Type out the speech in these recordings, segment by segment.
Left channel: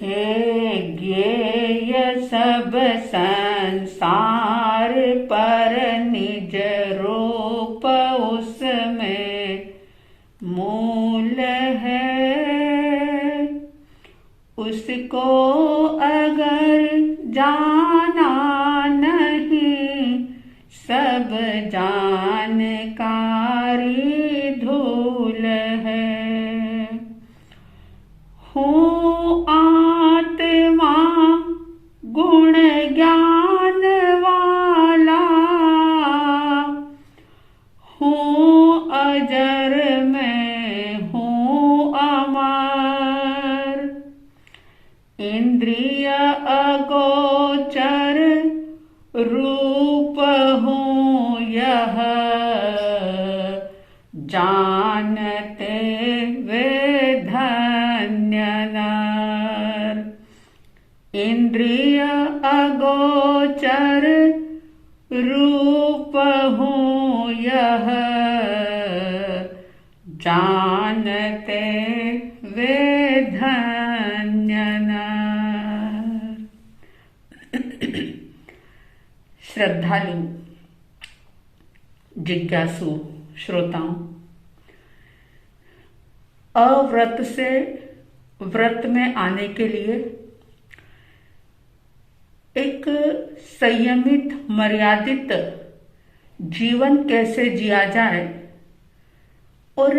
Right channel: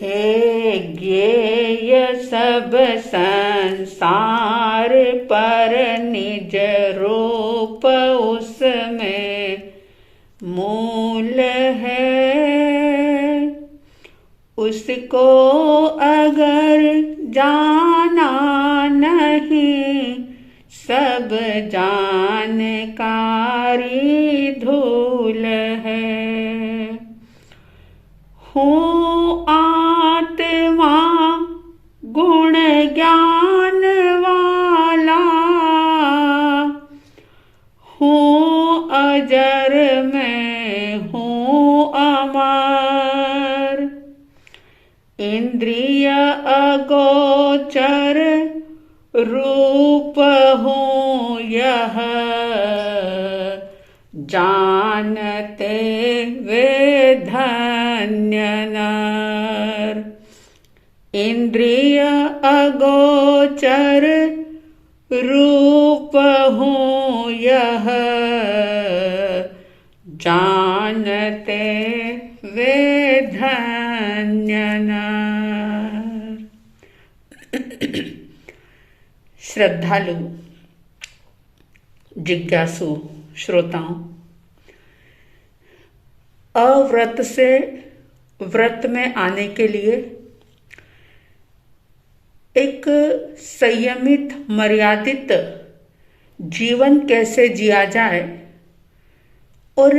हे ज्ञेय सब संसार पर निज रूप उसमें मूल है। उसको अगर जाना नहीं सब जानकारी धूल है। हूँ आत्मा गुण ज्ञान वाला, हूँ अजर मैं हूँ अमर। इंद्रिय अगोचर रूप हूँ यह जानते वे धन्य नर। इंद्रिय अगोचर रूप हूँ यह जानते वे धन्य नर। श्रद्धालु जिज्ञासु श्रोताओं, अव्रत से व्रत में आने के लिए एक संयमित मर्यादित जीवन कैसे जिया जाए और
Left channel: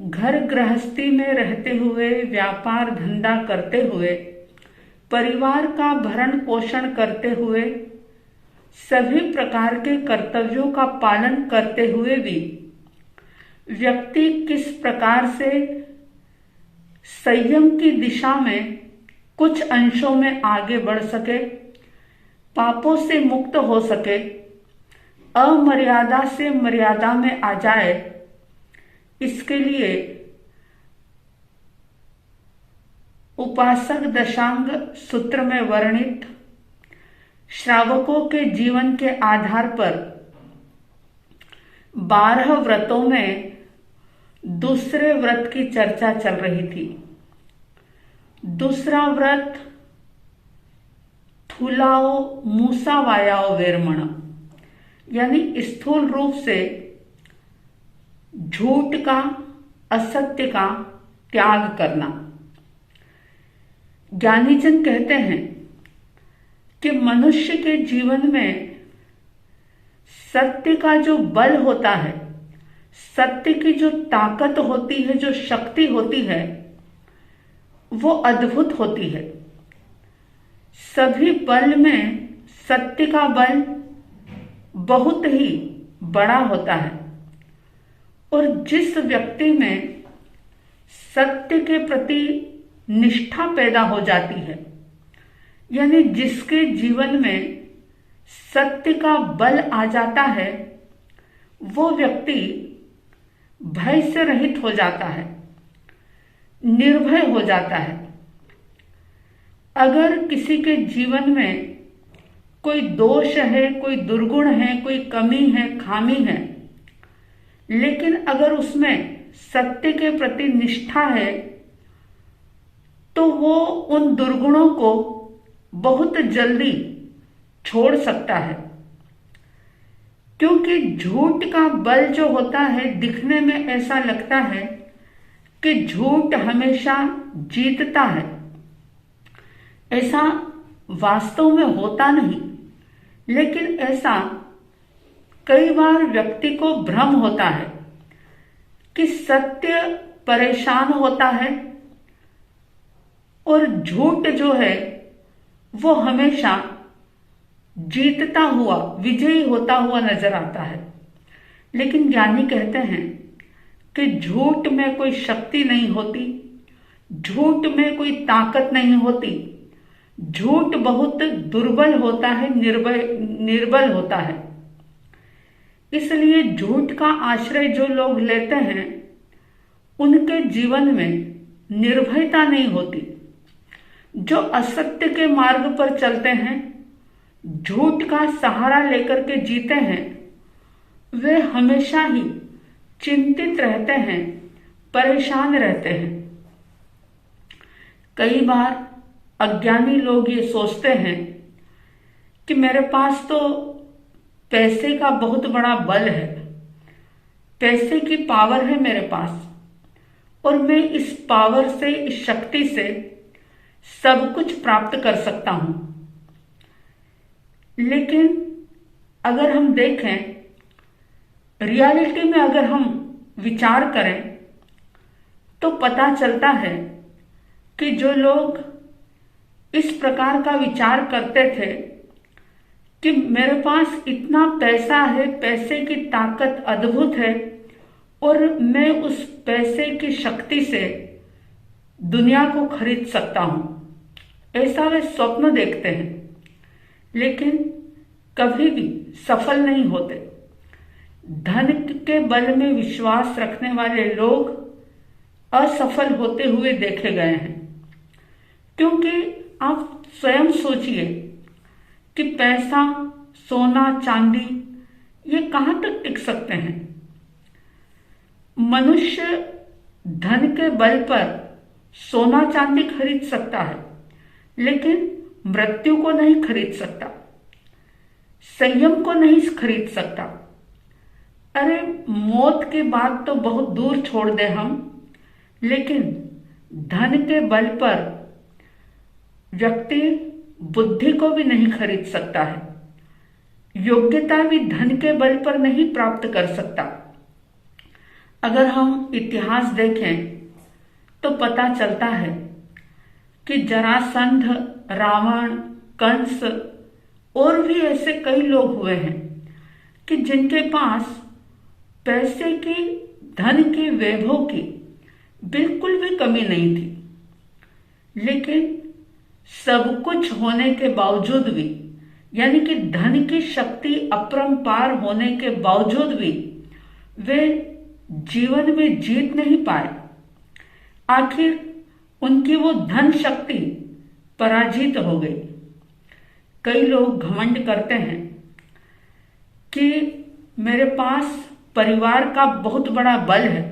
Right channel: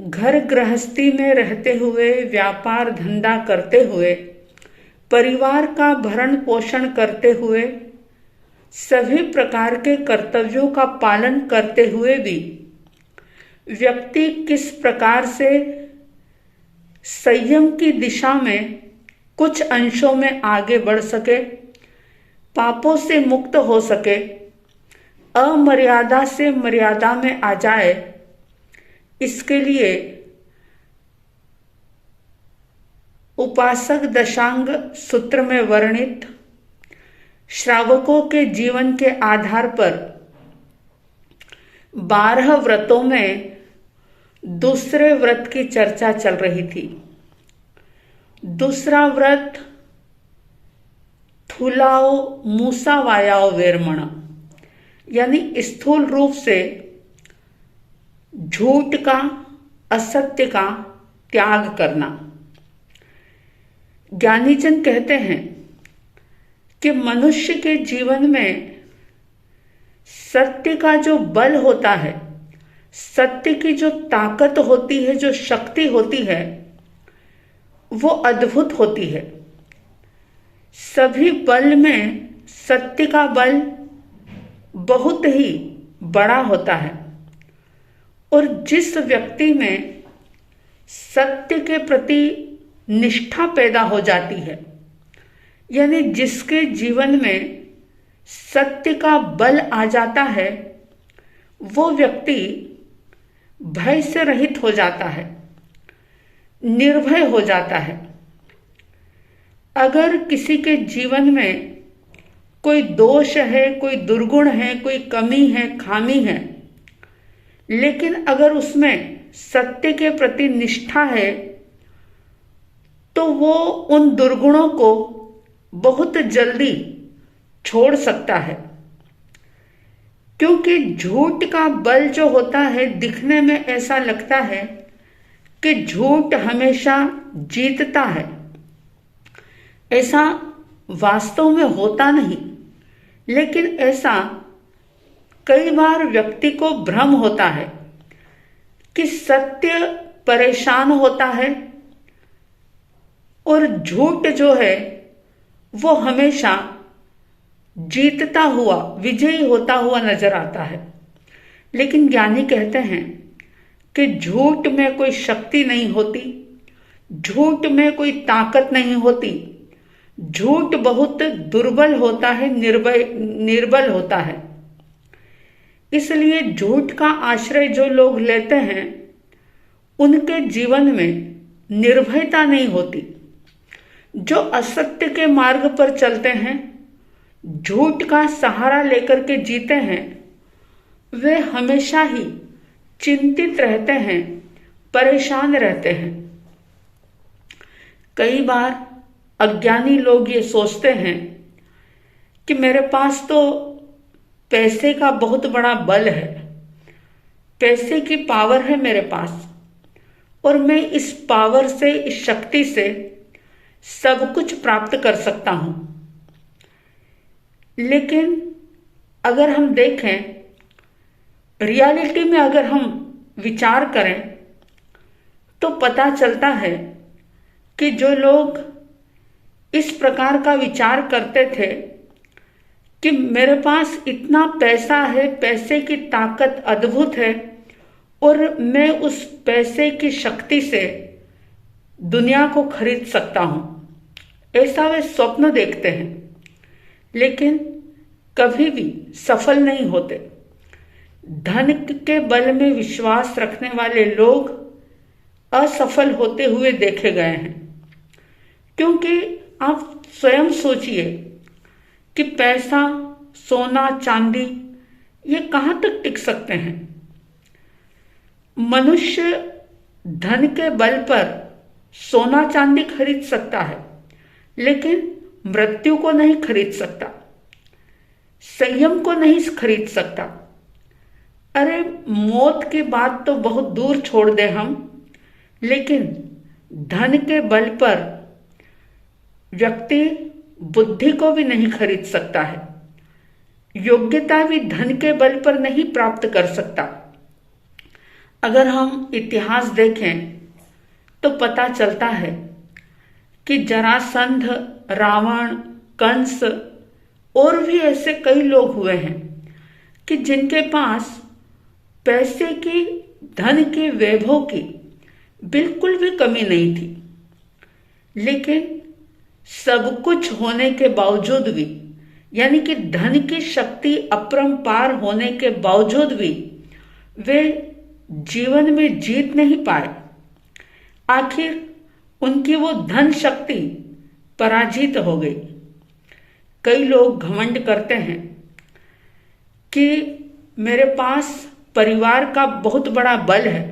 घर गृहस्थी में रहते हुए, व्यापार धंधा करते हुए, परिवार का भरण पोषण करते हुए, सभी प्रकार के कर्तव्यों का पालन करते हुए भी व्यक्ति किस प्रकार से संयम की दिशा में कुछ अंशों में आगे बढ़ सके, पापों से मुक्त हो सके, अमर्यादा से मर्यादा में आ जाए, इसके लिए उपासक दशांग सूत्र में वर्णित श्रावकों के जीवन के आधार पर 12 व्रतों में दूसरे व्रत की चर्चा चल रही थी। दूसरा व्रत थूलाओ मूसा वायाओ वेरमण, यानी स्थूल रूप से झूठ का, असत्य का त्याग करना। ज्ञानीजन कहते हैं कि मनुष्य के जीवन में सत्य का जो बल होता है, सत्य की जो ताकत होती है, जो शक्ति होती है, वो अद्भुत होती है। सभी बल में सत्य का बल बहुत ही बड़ा होता है और जिस व्यक्ति में सत्य के प्रति निष्ठा पैदा हो जाती है, यानी जिसके जीवन में सत्य का बल आ जाता है, वो व्यक्ति भय से रहित हो जाता है, निर्भय हो जाता है। अगर किसी के जीवन में कोई दोष है, कोई दुर्गुण है, कोई कमी है, खामी है, लेकिन अगर उसमें सत्य के प्रति निष्ठा है, तो वो उन दुर्गुणों को बहुत जल्दी छोड़ सकता है। क्योंकि झूठ का बल जो होता है, दिखने में ऐसा लगता है कि झूठ हमेशा जीतता है, ऐसा वास्तव में होता नहीं। लेकिन ऐसा कई बार व्यक्ति को भ्रम होता है कि सत्य परेशान होता है और झूठ जो है वो हमेशा जीतता हुआ, विजयी होता हुआ नजर आता है। लेकिन ज्ञानी कहते हैं कि झूठ में कोई शक्ति नहीं होती, झूठ में कोई ताकत नहीं होती, झूठ बहुत दुर्बल होता है, निर्बल होता है। इसलिए झूठ का आश्रय जो लोग लेते हैं, उनके जीवन में निर्भयता नहीं होती। जो असत्य के मार्ग पर चलते हैं, झूठ का सहारा लेकर के जीते हैं, वे हमेशा ही चिंतित रहते हैं, परेशान रहते हैं। कई बार अज्ञानी लोग ये सोचते हैं कि मेरे पास तो पैसे का बहुत बड़ा बल है, पैसे की पावर है मेरे पास, और मैं इस पावर से, इस शक्ति से सब कुछ प्राप्त कर सकता हूं। लेकिन अगर हम देखें, रियलिटी में अगर हम विचार करें तो पता चलता है कि जो लोग इस प्रकार का विचार करते थे कि मेरे पास इतना पैसा है, पैसे की ताकत अद्भुत है और मैं उस पैसे की शक्ति से दुनिया को खरीद सकता हूं, ऐसा वे स्वप्न देखते हैं, लेकिन कभी भी सफल नहीं होते। धन के बल में विश्वास रखने वाले लोग असफल होते हुए देखे गए हैं, क्योंकि आप स्वयं सोचिए कि पैसा, सोना, चांदी ये कहां तक टिक सकते हैं। मनुष्य धन के बल पर सोना चांदी खरीद सकता है, लेकिन मृत्यु को नहीं खरीद सकता, संयम को नहीं खरीद सकता। अरे मौत की बात तो बहुत दूर छोड़ दें हम, लेकिन धन के बल पर व्यक्ति बुद्धि को भी नहीं खरीद सकता है, योग्यता भी धन के बल पर नहीं प्राप्त कर सकता। अगर हम इतिहास देखें तो पता चलता है कि जरासंध, रावण, कंस और भी ऐसे कई लोग हुए हैं कि जिनके पास पैसे की, धन की, वैभव की बिल्कुल भी कमी नहीं थी, लेकिन सब कुछ होने के बावजूद भी, यानी कि धन की शक्ति अपरंपार होने के बावजूद भी वे जीवन में जीत नहीं पाए। आखिर उनकी वो धन शक्ति पराजित हो गई। कई लोग घमंड करते हैं कि मेरे पास परिवार का बहुत बड़ा बल है,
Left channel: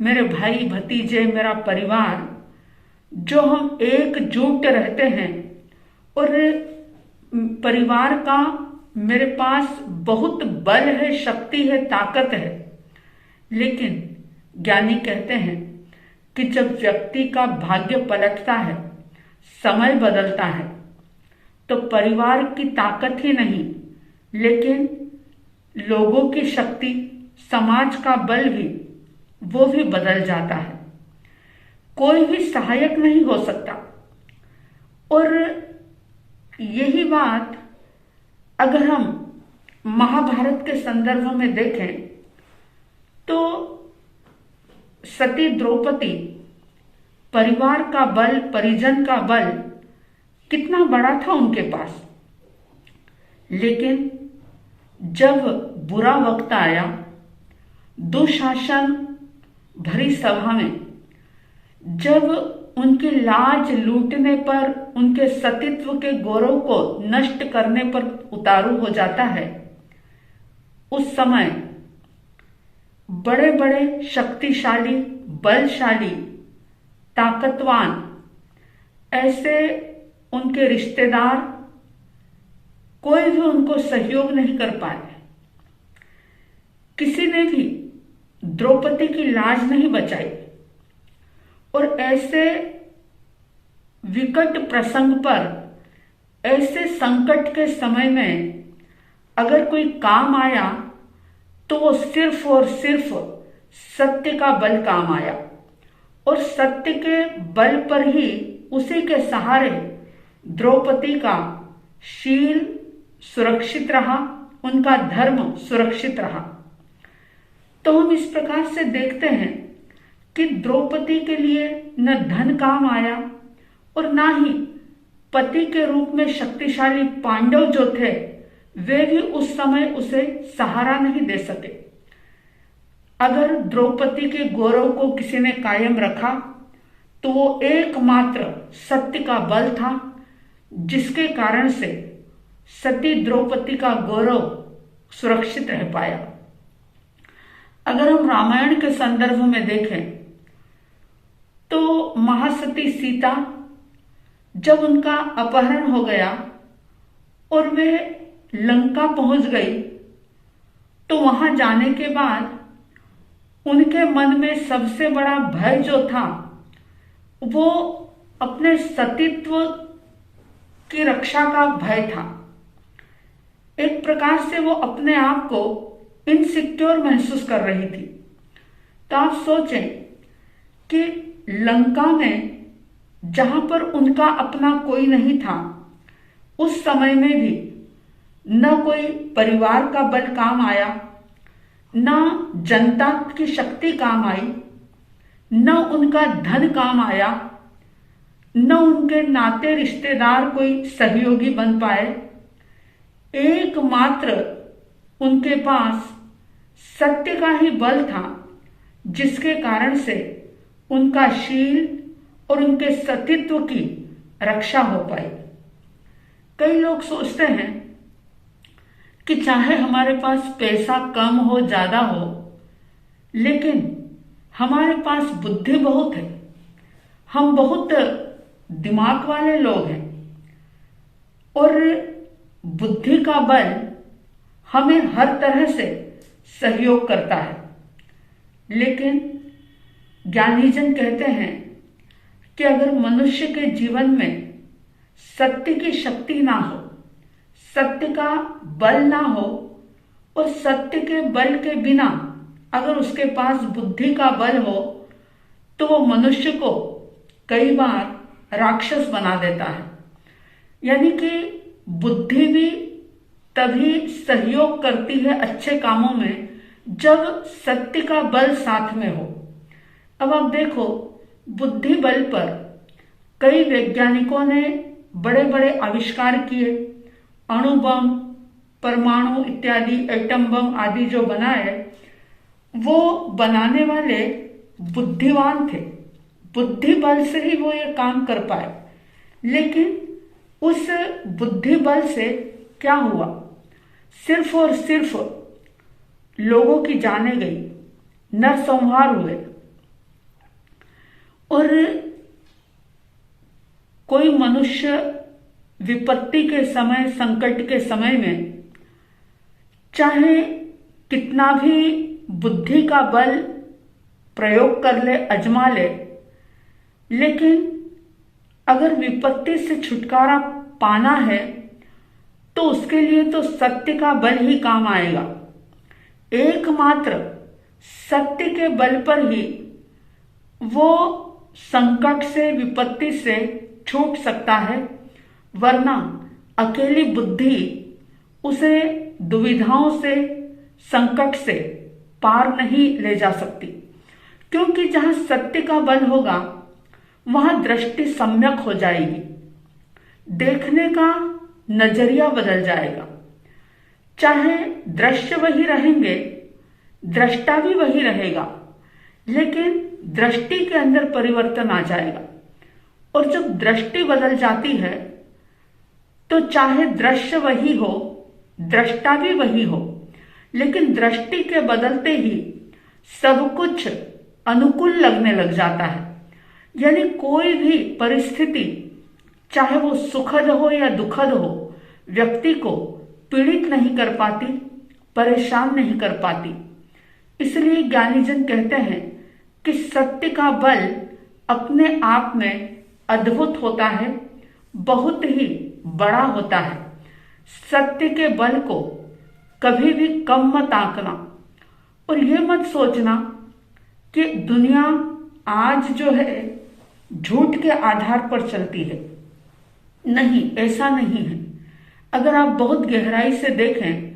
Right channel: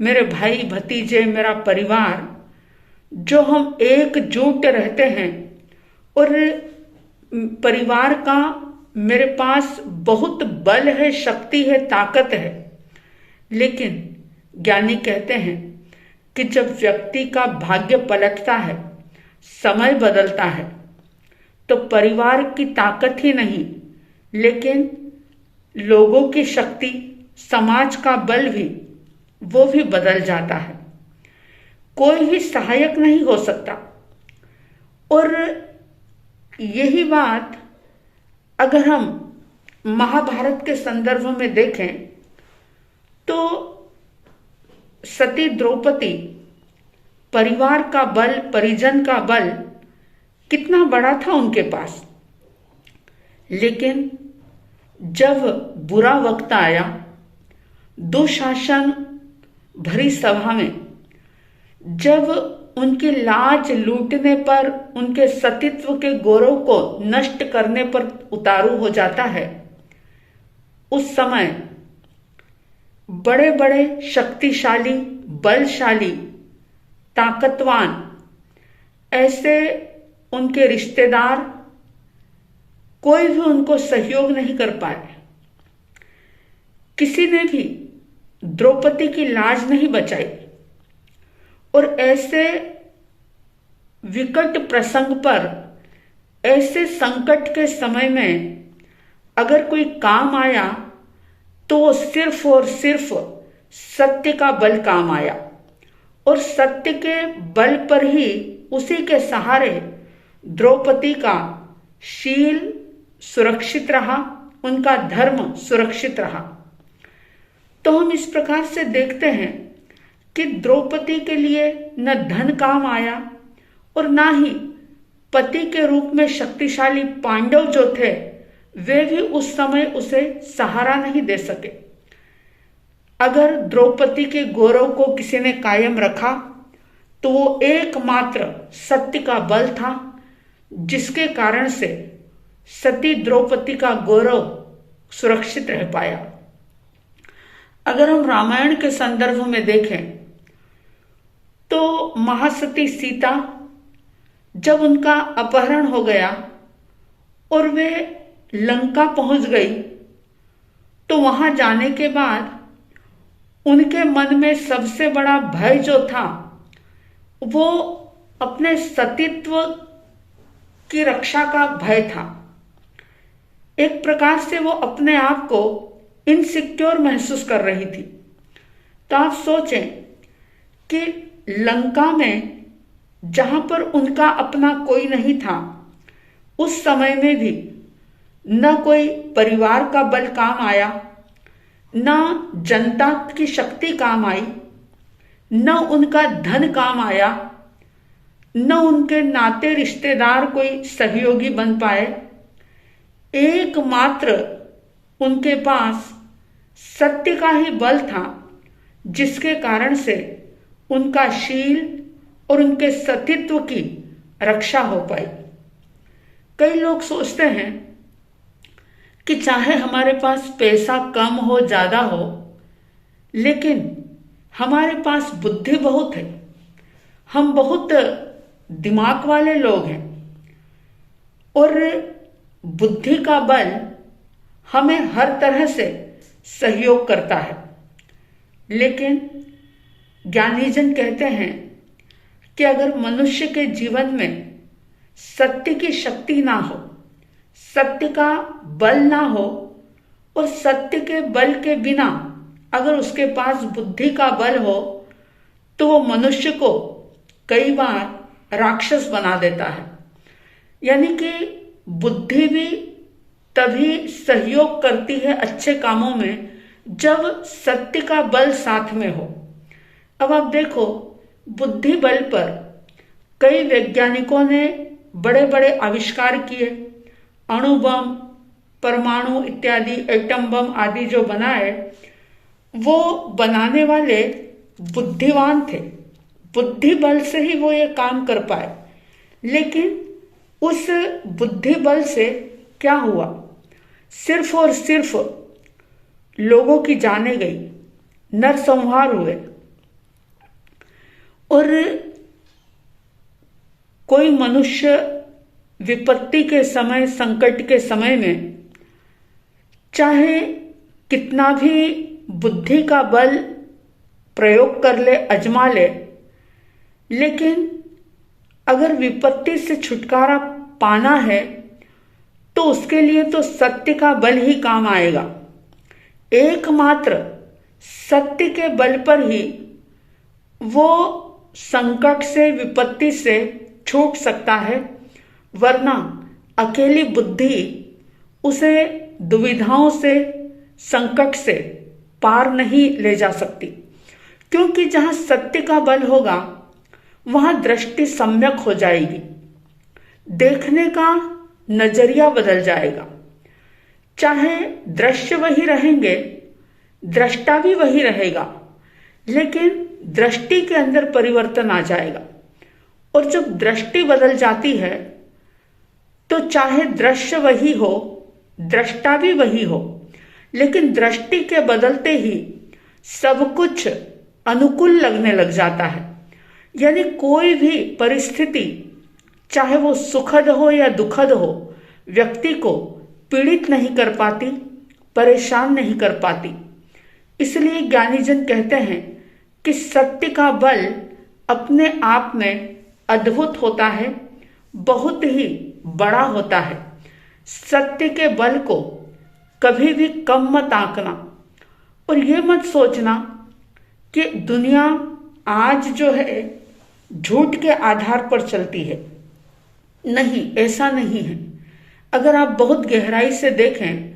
मेरे भाई भतीजे, मेरा परिवार, जो हम एकजुट रहते हैं और परिवार का मेरे पास बहुत बल है, शक्ति है, ताकत है। लेकिन ज्ञानी कहते हैं कि जब व्यक्ति का भाग्य पलटता है, समय बदलता है, तो परिवार की ताकत ही नहीं, लेकिन लोगों की शक्ति, समाज का बल भी, वो भी बदल जाता है। कोई भी सहायक नहीं हो सकता। और यही बात अगर हम महाभारत के संदर्भ में देखें तो सती द्रौपदी, परिवार का बल, परिजन का बल कितना बड़ा था उनके पास, लेकिन जब बुरा वक्त आया, दुशासन भरी सभा में जब उनकी लाज लूटने पर, उनके सतीत्व के गौरव को नष्ट करने पर उतारू हो जाता है, उस समय बड़े बड़े शक्तिशाली, बलशाली, ताकतवान ऐसे उनके रिश्तेदार कोई भी उनको सहयोग नहीं कर पाए। किसी ने भी द्रौपदी की लाज नहीं बचाई। और ऐसे विकट प्रसंग पर, ऐसे संकट के समय में अगर कोई काम आया तो वो सिर्फ और सिर्फ सत्य का बल काम आया, और सत्य के बल पर ही, उसी के सहारे द्रौपदी का शील सुरक्षित रहा, उनका धर्म सुरक्षित रहा। तो हम इस प्रकार से देखते हैं कि द्रौपदी के लिए न धन काम आया और ना ही पति के रूप में शक्तिशाली पांडव जो थे वे भी उस समय उसे सहारा नहीं दे सके। अगर द्रौपदी के गौरव को किसी ने कायम रखा तो वो एकमात्र सत्य का बल था, जिसके कारण से सती द्रौपदी का गौरव सुरक्षित रह पाया। अगर हम रामायण के संदर्भ में देखें तो महासती सीता जब उनका अपहरण हो गया और वे लंका पहुंच गई, तो वहां जाने के बाद उनके मन में सबसे बड़ा भय जो था वो अपने सतीत्व की रक्षा का भय था। एक प्रकार से वो अपने आप को इनसिक्योर महसूस कर रही थी। तो आप सोचें कि लंका में जहां पर उनका अपना कोई नहीं था, उस समय में भी न कोई परिवार का बल काम आया, न जनता की शक्ति काम आई, न उनका धन काम आया, न उनके नाते रिश्तेदार कोई सहयोगी बन पाए। एकमात्र उनके पास सत्य का ही बल था, जिसके कारण से उनका शील और उनके सतीत्व की रक्षा हो पाई। कई लोग सोचते हैं कि चाहे हमारे पास पैसा कम हो ज्यादा हो, लेकिन हमारे पास बुद्धि बहुत है, हम बहुत दिमाग वाले लोग हैं और बुद्धि का बल हमें हर तरह से सहयोग करता है। लेकिन ज्ञानीजन कहते हैं कि अगर मनुष्य के जीवन में सत्य की शक्ति ना हो, सत्य का बल ना हो और सत्य के बल के बिना अगर उसके पास बुद्धि का बल हो, तो वो मनुष्य को कई बार राक्षस बना देता है। यानी कि बुद्धि भी तभी सहयोग करती है अच्छे कामों में जब सत्य का बल साथ में हो। अब आप देखो, बुद्धि बल पर कई वैज्ञानिकों ने बड़े बड़े आविष्कार किए, अणु बम, परमाणु इत्यादि, एटम बम आदि जो बनाए, वो बनाने वाले बुद्धिमान थे, बुद्धि बल से ही वो ये काम कर पाए। लेकिन उस बुद्धि बल से क्या हुआ? सिर्फ और सिर्फ लोगों की जानें गई, नरसंहार हुए और कोई मनुष्य विपत्ति के समय, संकट के समय में चाहे कितना भी बुद्धि का बल प्रयोग कर ले, अजमा ले, लेकिन अगर विपत्ति से छुटकारा पाना है तो उसके लिए तो सत्य का बल ही काम आएगा। एकमात्र सत्य के बल पर ही वो संकट से, विपत्ति से छूट सकता है, वरना अकेली बुद्धि उसे दुविधाओं से, संकट से पार नहीं ले जा सकती। क्योंकि जहां सत्य का बल होगा वहां दृष्टि सम्यक हो जाएगी, देखने का नजरिया बदल जाएगा। चाहे दृश्य वही रहेंगे, दृष्टा भी वही रहेगा, लेकिन दृष्टि के अंदर परिवर्तन आ जाएगा। और जब दृष्टि बदल जाती है तो चाहे दृश्य वही हो, दृष्टा भी वही हो, लेकिन दृष्टि के बदलते ही सब कुछ अनुकूल लगने लग जाता है। यानी कोई भी परिस्थिति, चाहे वो सुखद हो या दुखद हो, व्यक्ति को पीड़ित नहीं कर पाती, परेशान नहीं कर पाती। इसलिए ज्ञानीजन कहते हैं कि सत्य का बल अपने आप में अद्भुत होता है, बहुत ही बड़ा होता है। सत्य के बल को कभी भी कम मत आंकना और ये मत सोचना कि दुनिया आज जो है झूठ के आधार पर चलती है। नहीं, ऐसा नहीं है। अगर आप बहुत गहराई से देखें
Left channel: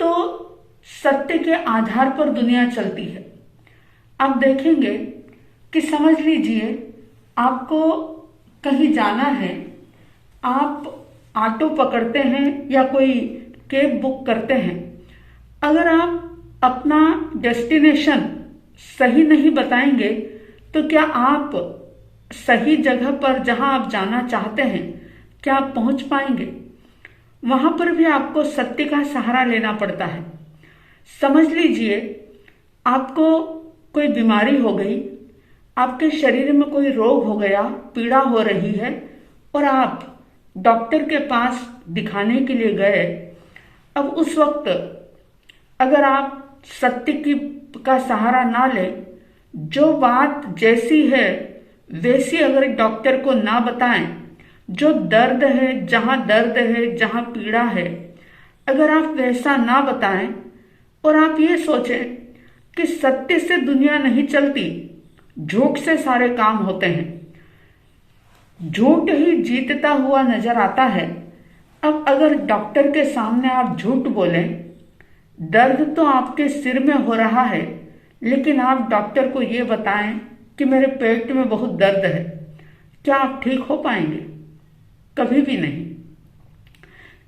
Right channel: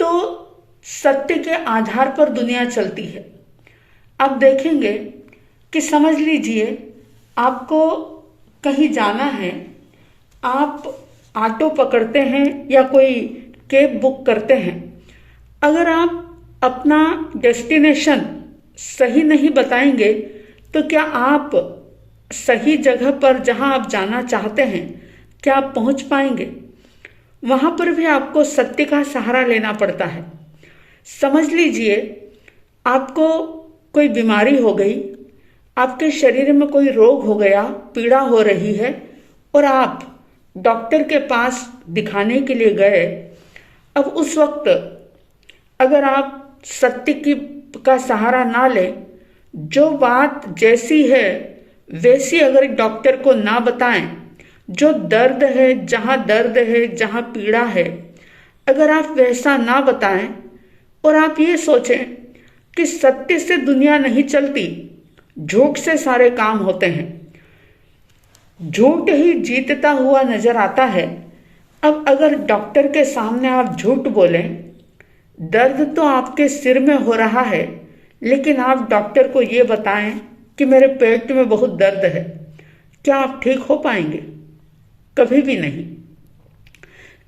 तो सत्य के आधार पर दुनिया चलती है। आप देखेंगे कि समझ लीजिए आपको कहीं जाना है, आप ऑटो पकड़ते हैं या कोई कैब बुक करते हैं। अगर आप अपना डेस्टिनेशन सही नहीं बताएंगे तो क्या आप सही जगह पर जहां आप जाना चाहते हैं, क्या आप पहुंच पाएंगे? वहां पर भी आपको सत्य का सहारा लेना पड़ता है। समझ लीजिए आपको कोई बीमारी हो गई, आपके शरीर में कोई रोग हो गया, पीड़ा हो रही है, और आप डॉक्टर के पास दिखाने के लिए गए। अब उस वक्त अगर आप सत्य की का सहारा ना लें, जो बात जैसी है वैसी अगर डॉक्टर को ना बताएं, जो दर्द है, जहां पीड़ा है, अगर आप वैसा ना बताएं और आप ये सोचें कि सत्य से दुनिया नहीं चलती, झूठ से सारे काम होते हैं, झूठ ही जीतता हुआ नजर आता है। अब अगर डॉक्टर के सामने आप झूठ बोलें, दर्द तो आपके सिर में हो रहा है, लेकिन आप डॉक्टर को ये बताएं कि मेरे पेट में बहुत दर्द है, क्या आप ठीक हो पाएंगे? कभी भी नहीं।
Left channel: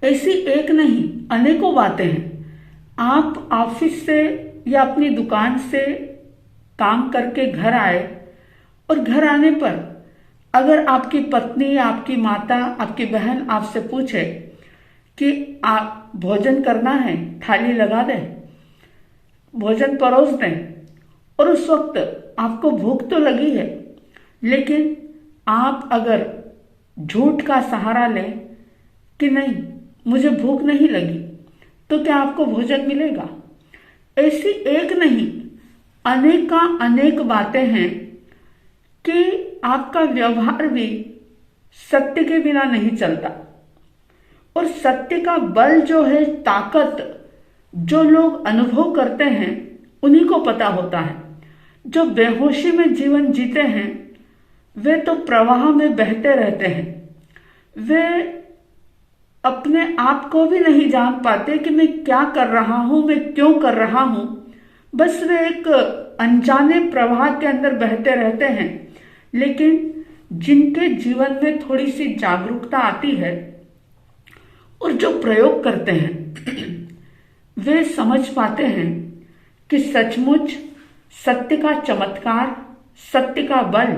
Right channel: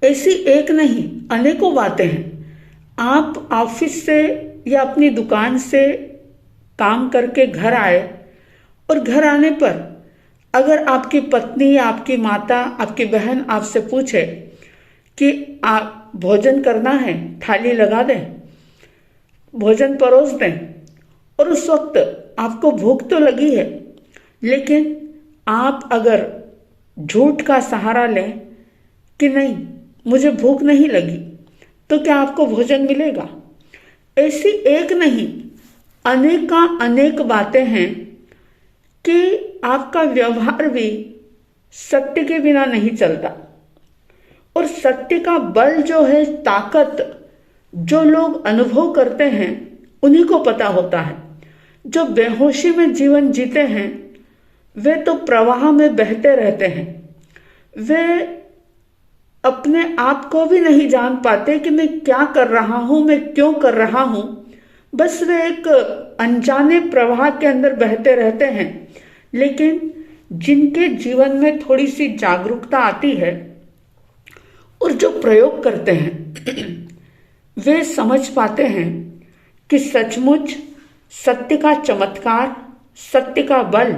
ऐसी एक नहीं अनेकों बातें हैं। आप ऑफिस से या अपनी दुकान से काम करके घर आए और घर आने पर अगर आपकी पत्नी, आपकी माता, आपकी बहन आपसे पूछे कि आप भोजन करना है, थाली लगा दें, भोजन परोस दें, और उस वक्त आपको भूख तो लगी है, लेकिन आप अगर झूठ का सहारा लें कि नहीं मुझे भूख नहीं लगी, तो क्या आपको भोजन मिलेगा? ऐसी एक नहीं अनेक बातें हैं कि आपका व्यवहार भी सत्य के बिना नहीं चलता। और सत्य का बल जो है, ताकत जो लोग अनुभव करते हैं उन्हीं को पता होता है। जो बेहोशी में जीवन जीते हैं वे तो प्रवाह में बहते रहते हैं, वे अपने आप को भी नहीं जान पाते कि मैं क्या कर रहा हूं, मैं क्यों कर रहा हूं। बस वे एक अनजाने प्रवाह के अंदर बहते रहते हैं। लेकिन जिनके जीवन में थोड़ी सी जागरूकता आती है और जो प्रयोग करते हैं वे समझ पाते हैं कि सचमुच सत्य का चमत्कार, सत्य का बल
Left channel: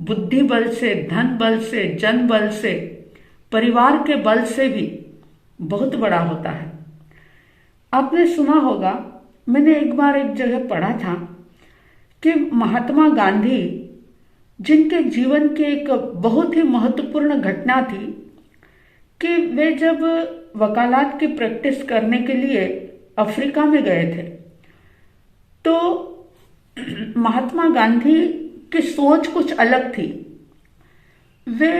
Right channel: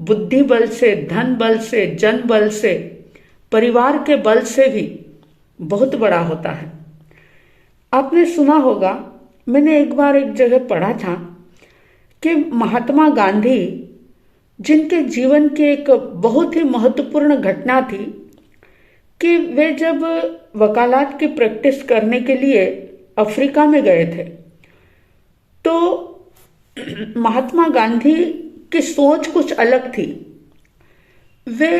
बुद्धि बल से, धन बल से, जन बल से, परिवार के बल से भी बहुत बड़ा होता है। आपने सुना होगा, मैंने एक बार एक जगह पढ़ा था कि महात्मा गांधी, जिनके जीवन की एक बहुत ही महत्वपूर्ण घटना थी कि वे जब वकालत की प्रैक्टिस करने के लिए अफ्रीका में गए थे, तो महात्मा गांधी की सोच कुछ अलग थी। वे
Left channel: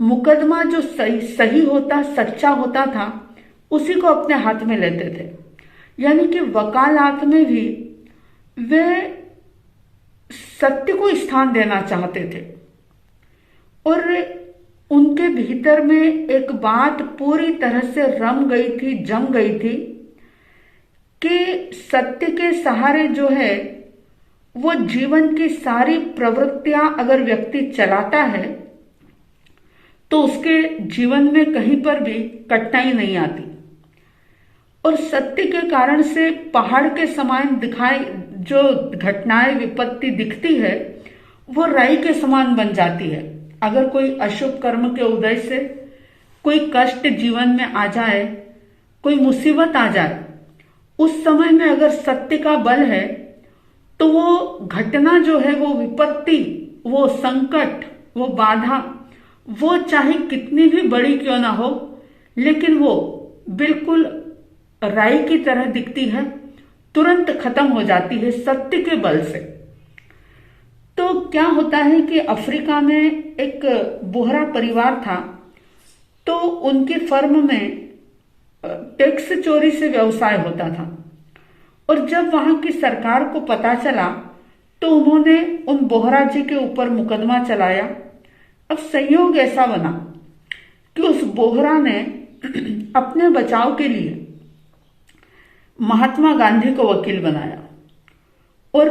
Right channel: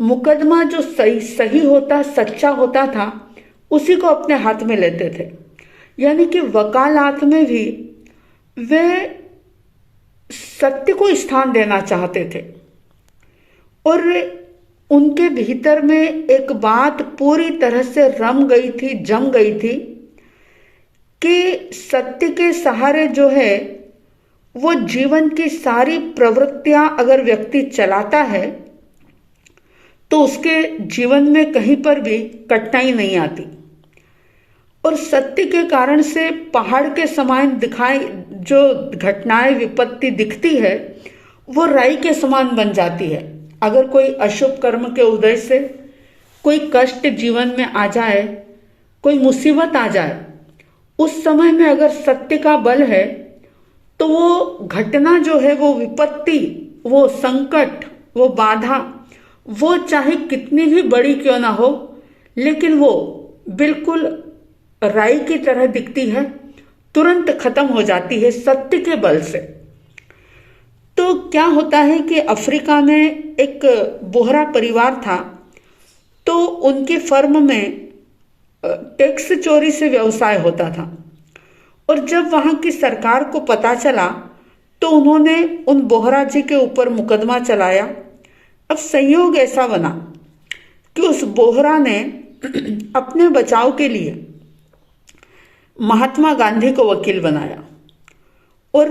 मुकदमा जो सही होता, सच्चा होता था, उसी को अपने हाथ में लेते थे। यानी कि वकालत में भी वे सत्य को स्थान देना चाहते थे। और उनके भीतर में एक बात पूरी तरह से रम गई थी, जम गई थी कि सत्य के सहारे जो है वो जीवन की सारी प्रवृत्तियां अगर व्यक्ति चलाता है तो उसके जीवन में कहीं पर भी कठिनाई नहीं आती। और सत्य के कारण से पहाड़ के समान दिखाई जो घटनाएं, विपत्ति दिखती है, वो राई के समान बन जाती है। अगर कोई अशुभ कर्म के उदय से कोई कष्ट जीवन में आ जाए, कोई मुसीबत आ जाए, उस समय में अगर सत्य का बल है तो वो घटना जो है, वो विपत्ति, वो संकट, वो बाधा, वो चाहे कितनी भी बड़ी क्यों ना हो, लेकिन वो बिल्कुल राई की तरह दिखती है, तुरंत खत्म हो जाती है सत्य के बल से। तो क्या होता है कि अफ्रीका में एक बोहरा परिवार था, तो उनकी फर्म में टैक्स चोरी से व्यवसाय होता था। और जब वहां की सरकार को पता चला तो उन्होंने उन बोहरा जी के ऊपर मुकदमा चलाया। अब संयोग ऐसा बना कि उस बोहरा ने अपने बचाव के लिए महात्मा गांधी को वकील बनाया और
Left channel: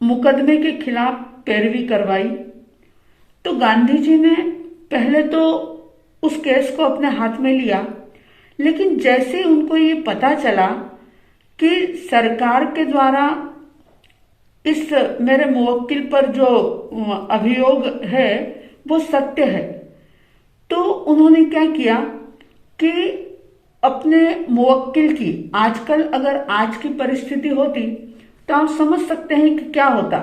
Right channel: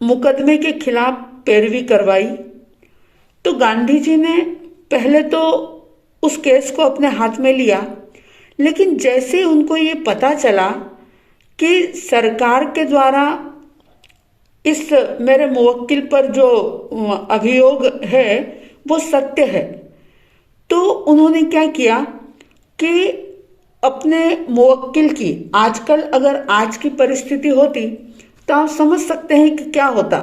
मुकदमे के खिलाफ पैरवी करवाई। तो गांधी जी ने पहले तो उस केस को अपने हाथ में लिया, लेकिन जैसे उनको ये पता चला कि सरकार के द्वारा इस मेरे मुवक्किल पर जो अभियोग है वो सत्य है, तो उन्होंने क्या किया कि अपने मुवक्किल की, आजकल अगर आज की परिस्थिति होती तो आप समझ सकते हैं कि क्या होता,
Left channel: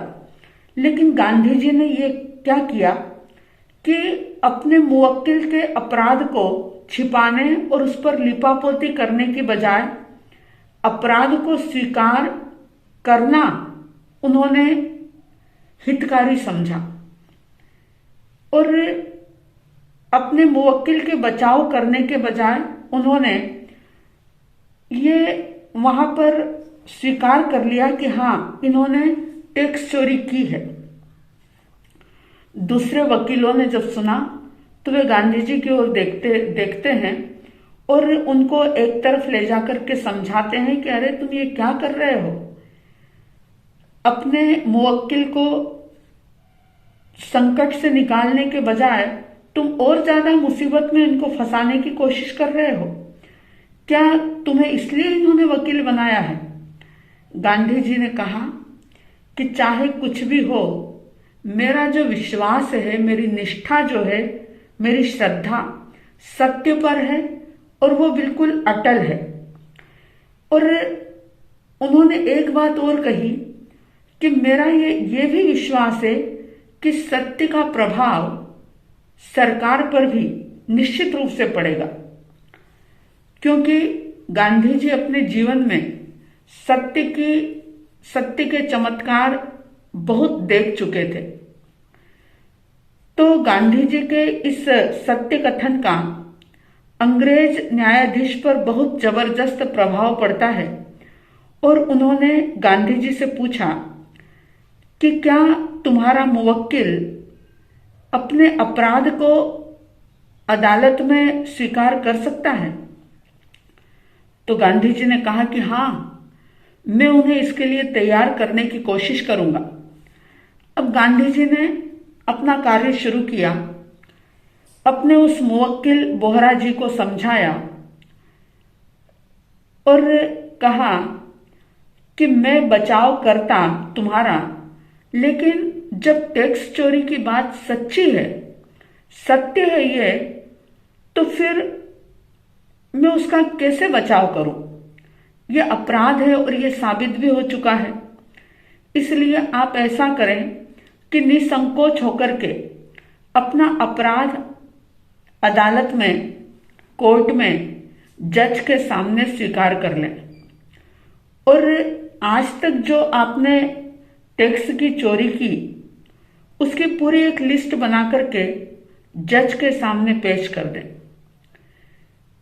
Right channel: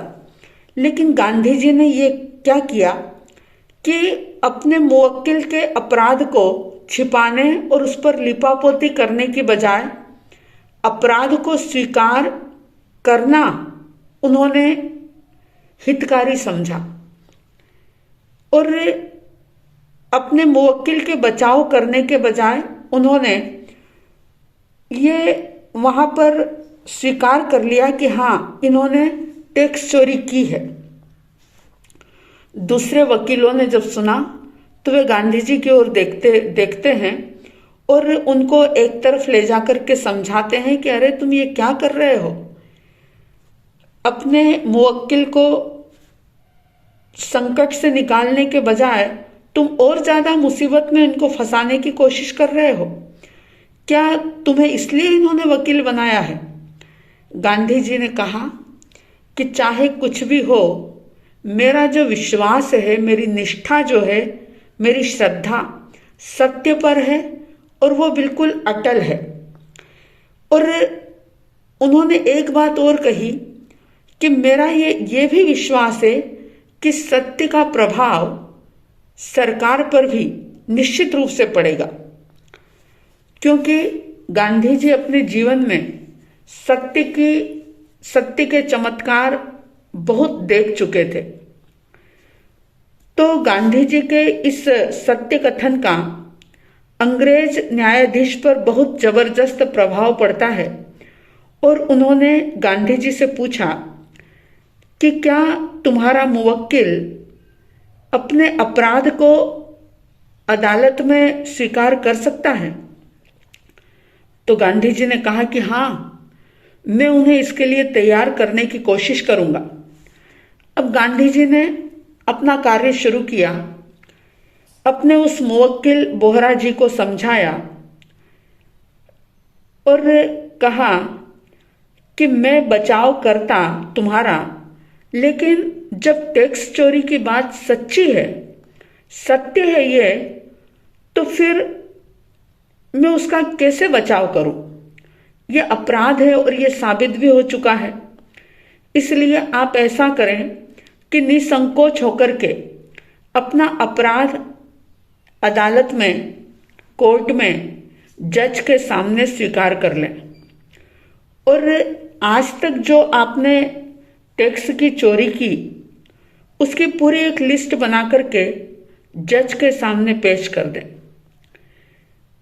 लेकिन गांधी जी ने ये क्या किया कि अपने मुवक्किल के अपराध को छिपाने और उस पर लिपापोती करने की बजाय अपराध को स्वीकार करना उन्होंने हितकारी समझा और अपने मुवक्किल के बचाव करने के बजाय उन्होंने ये वहां पर स्वीकार कर लिया कि हाँ, इन्होंने टैक्स चोरी की है। दूसरे वकीलों ने जब सुना तो वे गांधी जी की ओर देखते हैं और उनको एक तरफ ले जाकर के समझाते हैं कि अरे तुम ये क्या कर रहे हो, अपने मुवक्किल को संकट से निकालने के बजाय तुम और ज्यादा मुसीबत में इनको फंसाने की कोशिश कर रहे हो। क्या तुम्हें इसलिए इन्होंने वकील बनाया है? गांधी जी ने कहा कि चाहे कुछ भी हो, मेरा जो विश्वास है, मेरी निष्ठा जो है, मेरी श्रद्धा सत्य पर है और वो बिल्कुल अटल है। और उन्होंने एक बात और कही कि मेरा ये भी विश्वास है कि सत्य का प्रभाव सरकार पर भी निश्चित रूप से पड़ेगा, क्योंकि गांधी जी अपने जीवन में सत्य के चमत्कार बहुत देख चुके थे। तो गांधी जी के इस सत्य कथन का अंग्रेज न्यायाधीश पर बहुत जबरदस्त प्रभाव पड़ता है और उन्होंने गांधी जी से पूछा कि क्या तुम्हारा मुवक्किल अपने अपराध को अदालत में स्वीकार कर सकता है? तो गांधी जी ने कहा कि हाँ, मैं उन्हें इसके लिए तैयार करने की कोशिश करूंगा। अब गांधी जी ने अपना कार्य शुरू किया, अपने उस मुवक्किल बोहरा जी को समझाया और कहा कि मैं बचाव करता तुम्हारा, लेकिन जब टैक्स चोरी की बात सच्ची है, सत्य है ये, तो फिर मैं उसका कैसे बचाव करूं? ये अपराध है और ये साबित भी हो चुका है। इसलिए आप ऐसा करें कि निसंकोच होकर के अपना अपराध अदालत में, कोर्ट में, जज के सामने स्वीकार कर लें। और आज तक जो आपने टैक्स की चोरी की, उसकी पूरी एक लिस्ट बना करके जज के सामने पेश कर दें।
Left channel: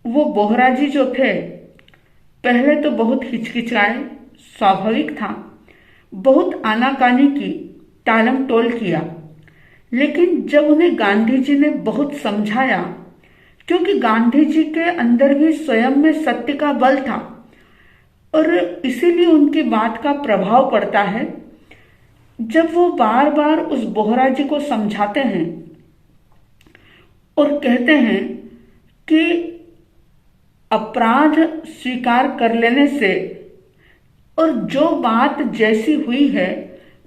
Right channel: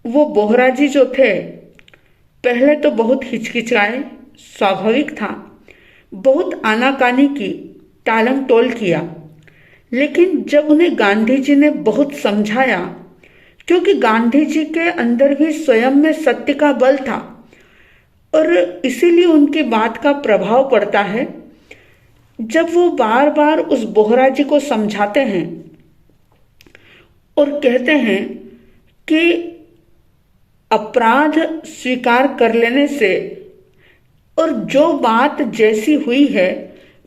वो बोहरा जी जो थे, पहले तो बहुत हिचकिचाए, स्वाभाविक था, बहुत आनाकानी की, टालम टोल किया, लेकिन जब उन्हें गांधी जी ने बहुत समझाया, क्योंकि गांधी जी के अंदर भी स्वयं में सत्य का बल था और इसीलिए उनकी बात का प्रभाव पड़ता है। जब वो बार बार उस बोहरा जी को समझाते हैं और कहते हैं कि अपराध स्वीकार कर लेने से और जो बात जैसी हुई है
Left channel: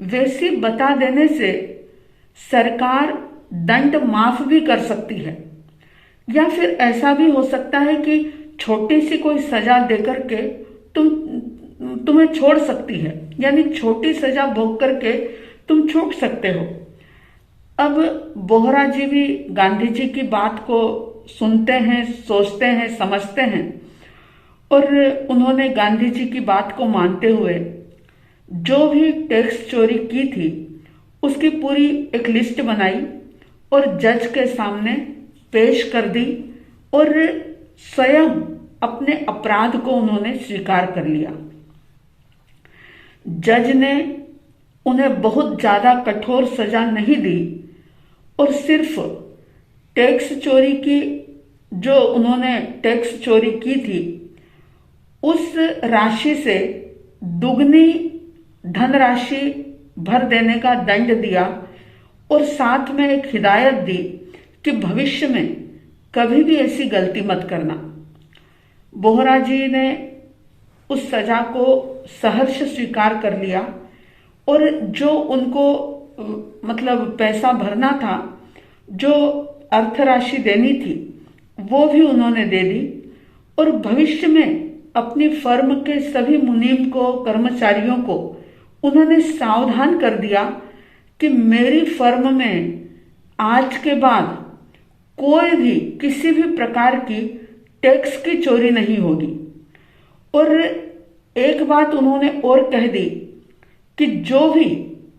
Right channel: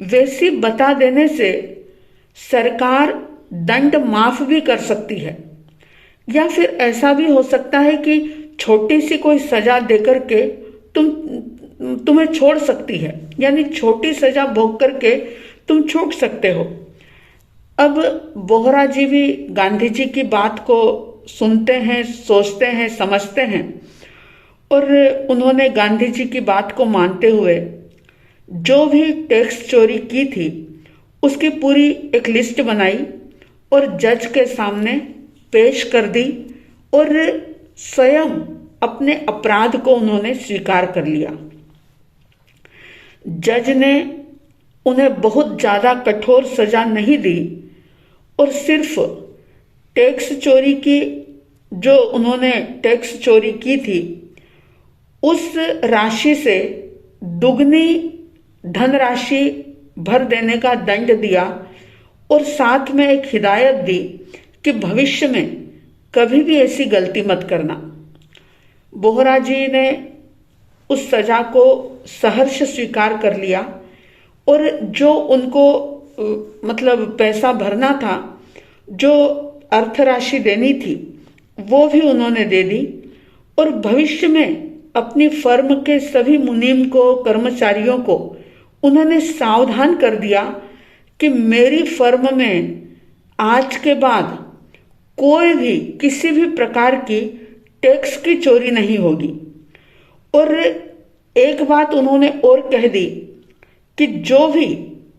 वैसी बता देने से सरकार दंड माफ भी कर सकती है, या फिर ऐसा भी हो सकता है कि छोटी सी कोई सजा देकर के तुम्हें छोड़ सकती है, यानी छोटी सजा भोग करके तुम छूट सकते हो। अब बोहरा जी भी गांधी जी की बात को सुनते हैं, सोचते हैं, समझते हैं और उन्होंने गांधी जी की बात को मानते हुए जो भी टैक्स चोरी की थी उसकी पूरी एक लिस्ट बनाई और जज के सामने पेश कर दी और स्वयं अपने अपराध को उन्होंने स्वीकार कर लिया। जज ने उन्हें बहुत ज्यादा कठोर सजा नहीं दी और सिर्फ टैक्स चोरी की, जो उन्होंने टैक्स चोरी की थी, उस राशि से दुगनी धनराशि भर देने का दंड दिया और साथ में एक हिदायत दी कि भविष्य में कभी भी ऐसी गलती मत करना। बोहरा जी ने उस सजा को सहर्ष स्वीकार कर लिया और जो उनको मतलब पैसा भरना था, जो अर्थ राशि देनी थी, वो भी उन्होंने दे दी और भविष्य में अपनी फर्म के सभी मुनीम को, कर्मचारियों को उन्होंने सावधान कर दिया कि मेरी फर्म में आज के बाद कोई भी किसी भी प्रकार की टैक्स की चोरी नहीं होगी। और एक बात उन्होंने और कह दी कि जो भी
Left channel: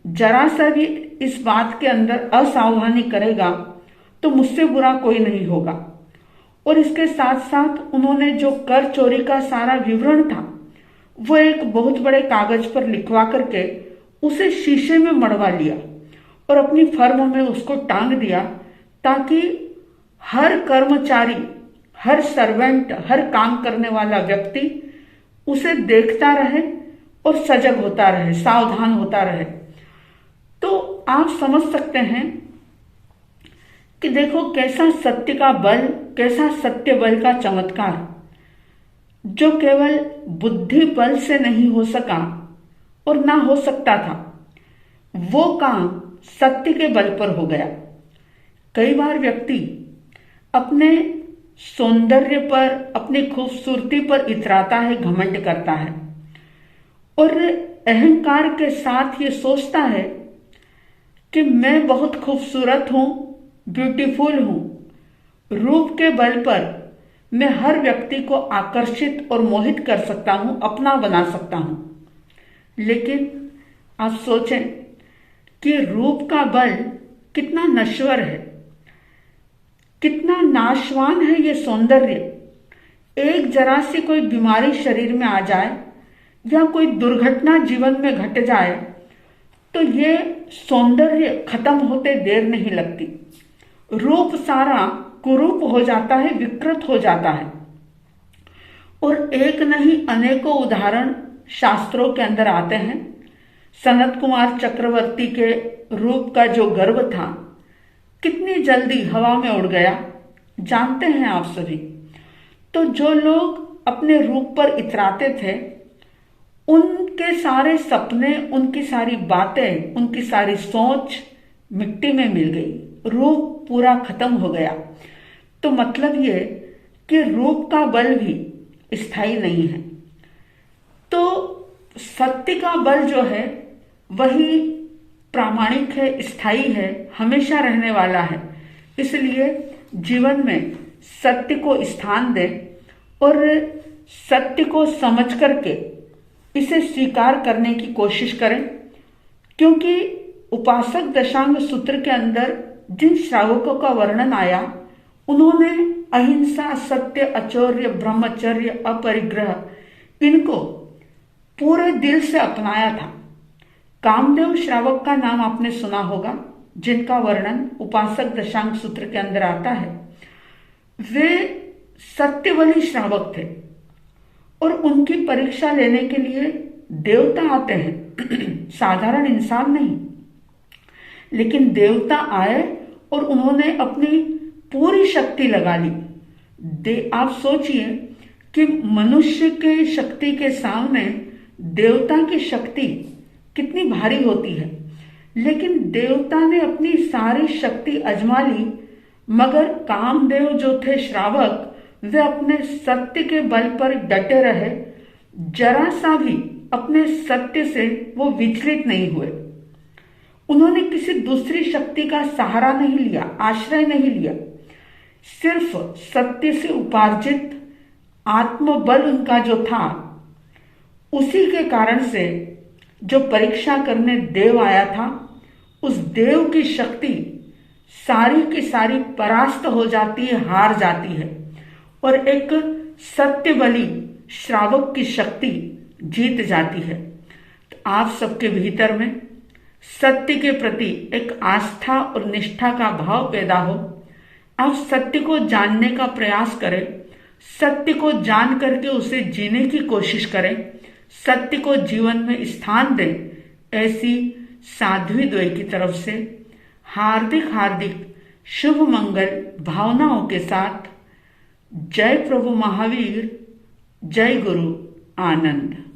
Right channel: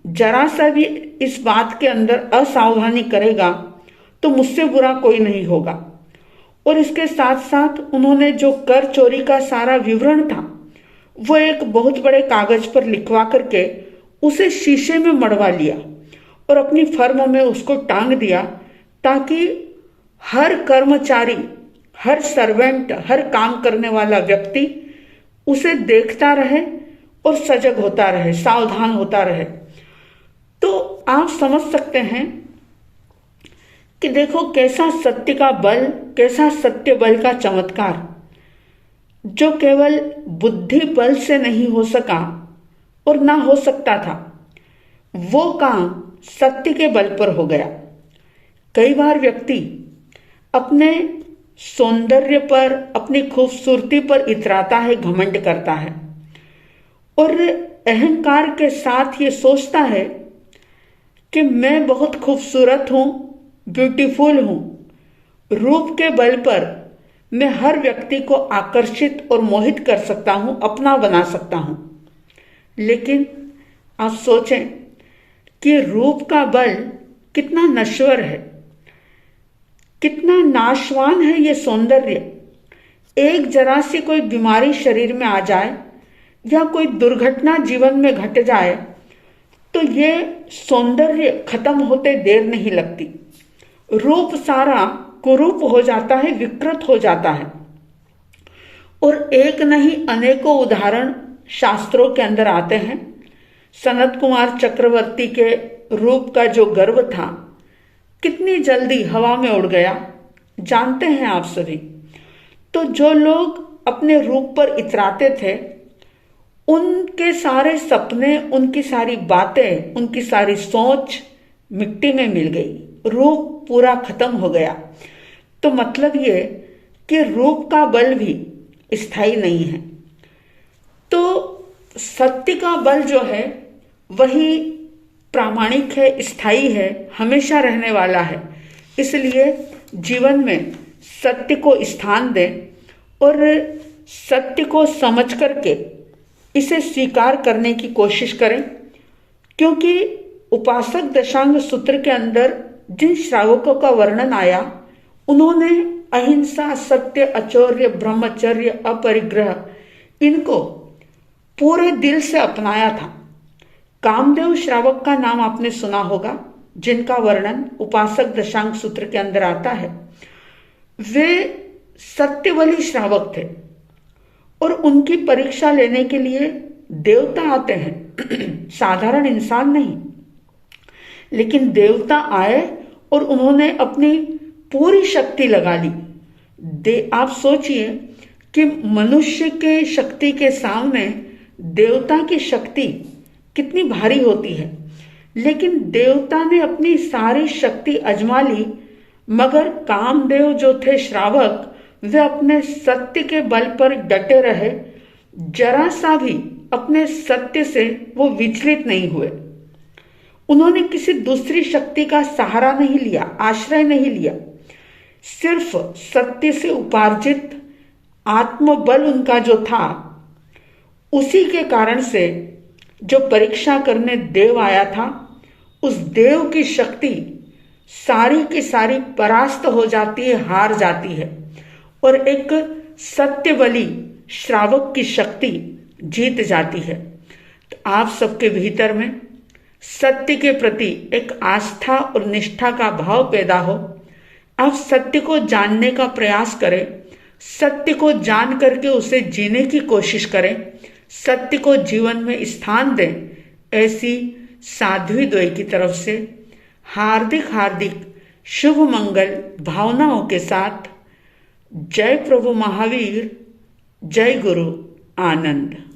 जरा सा भी इस बात के अंदर असावधानी करेगा तो मुझसे बुरा कोई नहीं होगा। और इसके साथ साथ उन्होंने जो कर चोरी का सारा विवरण था वो एक बहुत बड़े कागज पर लिखवा करके उसे शीशे में मड़वा लिया और अपनी फर्म में उसको टांग दिया, ताकि हर कर्मचारी, हर सर्वेंट, हर काम करने वाला व्यक्ति उसे देखता रहे और सजग होता रहे, सावधान होता रहे। तो आप समझ सकते हैं कि देखो कैसा सत्य का बल, कैसा सत्य बल का चमत्कार, जो केवल बुद्धि बल से नहीं हो सका और ना हो सकता था, वो काम सत्य के बल पर हो गया। कई बार व्यक्ति अपने सौंदर्य पर, अपनी खूबसूरती पर इतराता है, घमंड करता है और अहंकार के साथ ये सोचता है कि मैं बहुत खूबसूरत हूं, ब्यूटीफुल हूं। रूप के बल पर मैं हर व्यक्ति को आकर्षित और मोहित कर सकता हूं, अपना बना सकता हूं। लेकिन आप सोचें कि रूप का बल कितना नश्वर है, कितना नाशवान है ये सौंदर्य। एक जरा सी कोई बीमारी शरीर में आ जाए या कोई दुर्घटना जीवन में घट जाए तो ये सौंदर्य खत्म होते देर नहीं लगती। रूप सारा कुरूप हो जाता है, विकृत हो जाता है। और एक नहीं अनेकों उदाहरण शास्त्रों के अंदर आते हैं। सनत कुमार चक्रवर्ती के रूप का जो गर्व था कितनी जल्दी हवा में उड़ गया, जानते हैं आप सभी। तो जो लोग अपने रूप पर इतराते थे, उनके सारे सपने, उनकी सारी बातें, उनकी सारी सोच मिट्टी में मिल गई, रूप पूरा खत्म हो गया। तो मतलब ये कि रूप का बल भी स्थायी नहीं है। तो सत्य का बल जो है वही प्रामाणिक है, स्थायी है, हमेशा रहने वाला है। इसलिए जीवन में सत्य को स्थान दें और सत्य को समझ करके इसे स्वीकार करने की कोशिश करें। क्योंकि उपासक दशांग सूत्र के अंदर जिन श्रावकों का वर्णन आया, उन्होंने अहिंसा, सत्य, अचौर्य, ब्रह्मचर्य, अपरिग्रह इनको पूरे दिल से अपनाया था। कामदेव श्रावक का नाम आपने सुना होगा, जिनका वर्णन उपासक दशांग सूत्र के अंदर आता है। वे सत्यवली श्रावक थे और उनकी परीक्षा लेने के लिए देवता आते हैं, साधारण इंसान नहीं। लेकिन देवता आए और उन्होंने अपनी पूरी शक्ति लगा ली। आप सोचिए कि मनुष्य के शक्ति के सामने देवता की शक्ति कितनी भारी होती है। लेकिन देवता ने अपनी सारी शक्ति आजमा ली, मगर कामदेव जो थे श्रावक, वे अपने सत्य के बल पर डटे रहे। जरा सा भी अपने सत्य से वो विचलित नहीं हुए। उन्होंने किसी दूसरी शक्ति का सहारा नहीं लिया, आश्रय नहीं लिया। सिर्फ सत्य से उपार्जित आत्मबल उनका जो था, उसी के कारण से जो परीक्षा करने देव आया था, उस देव की शक्ति सारी की सारी परास्त हो जाती है, हार जाती है और एक सत्यबली श्रावक की शक्ति जीत जाती है। तो आप सबके भीतर में सत्य के प्रति एक आस्था और निष्ठा का भाव पैदा हो। आप सत्य को जानने का प्रयास करें, सत्य को जान करके उसे जीने की कोशिश करें, सत्य को जीवन में स्थान दें। ऐसी साध्वी द्वय की तरफ से हार्दिक हार्दिक शुभ मंगल भावनाओं के साथ जय प्रभु महावीर, जय गुरु आनंद।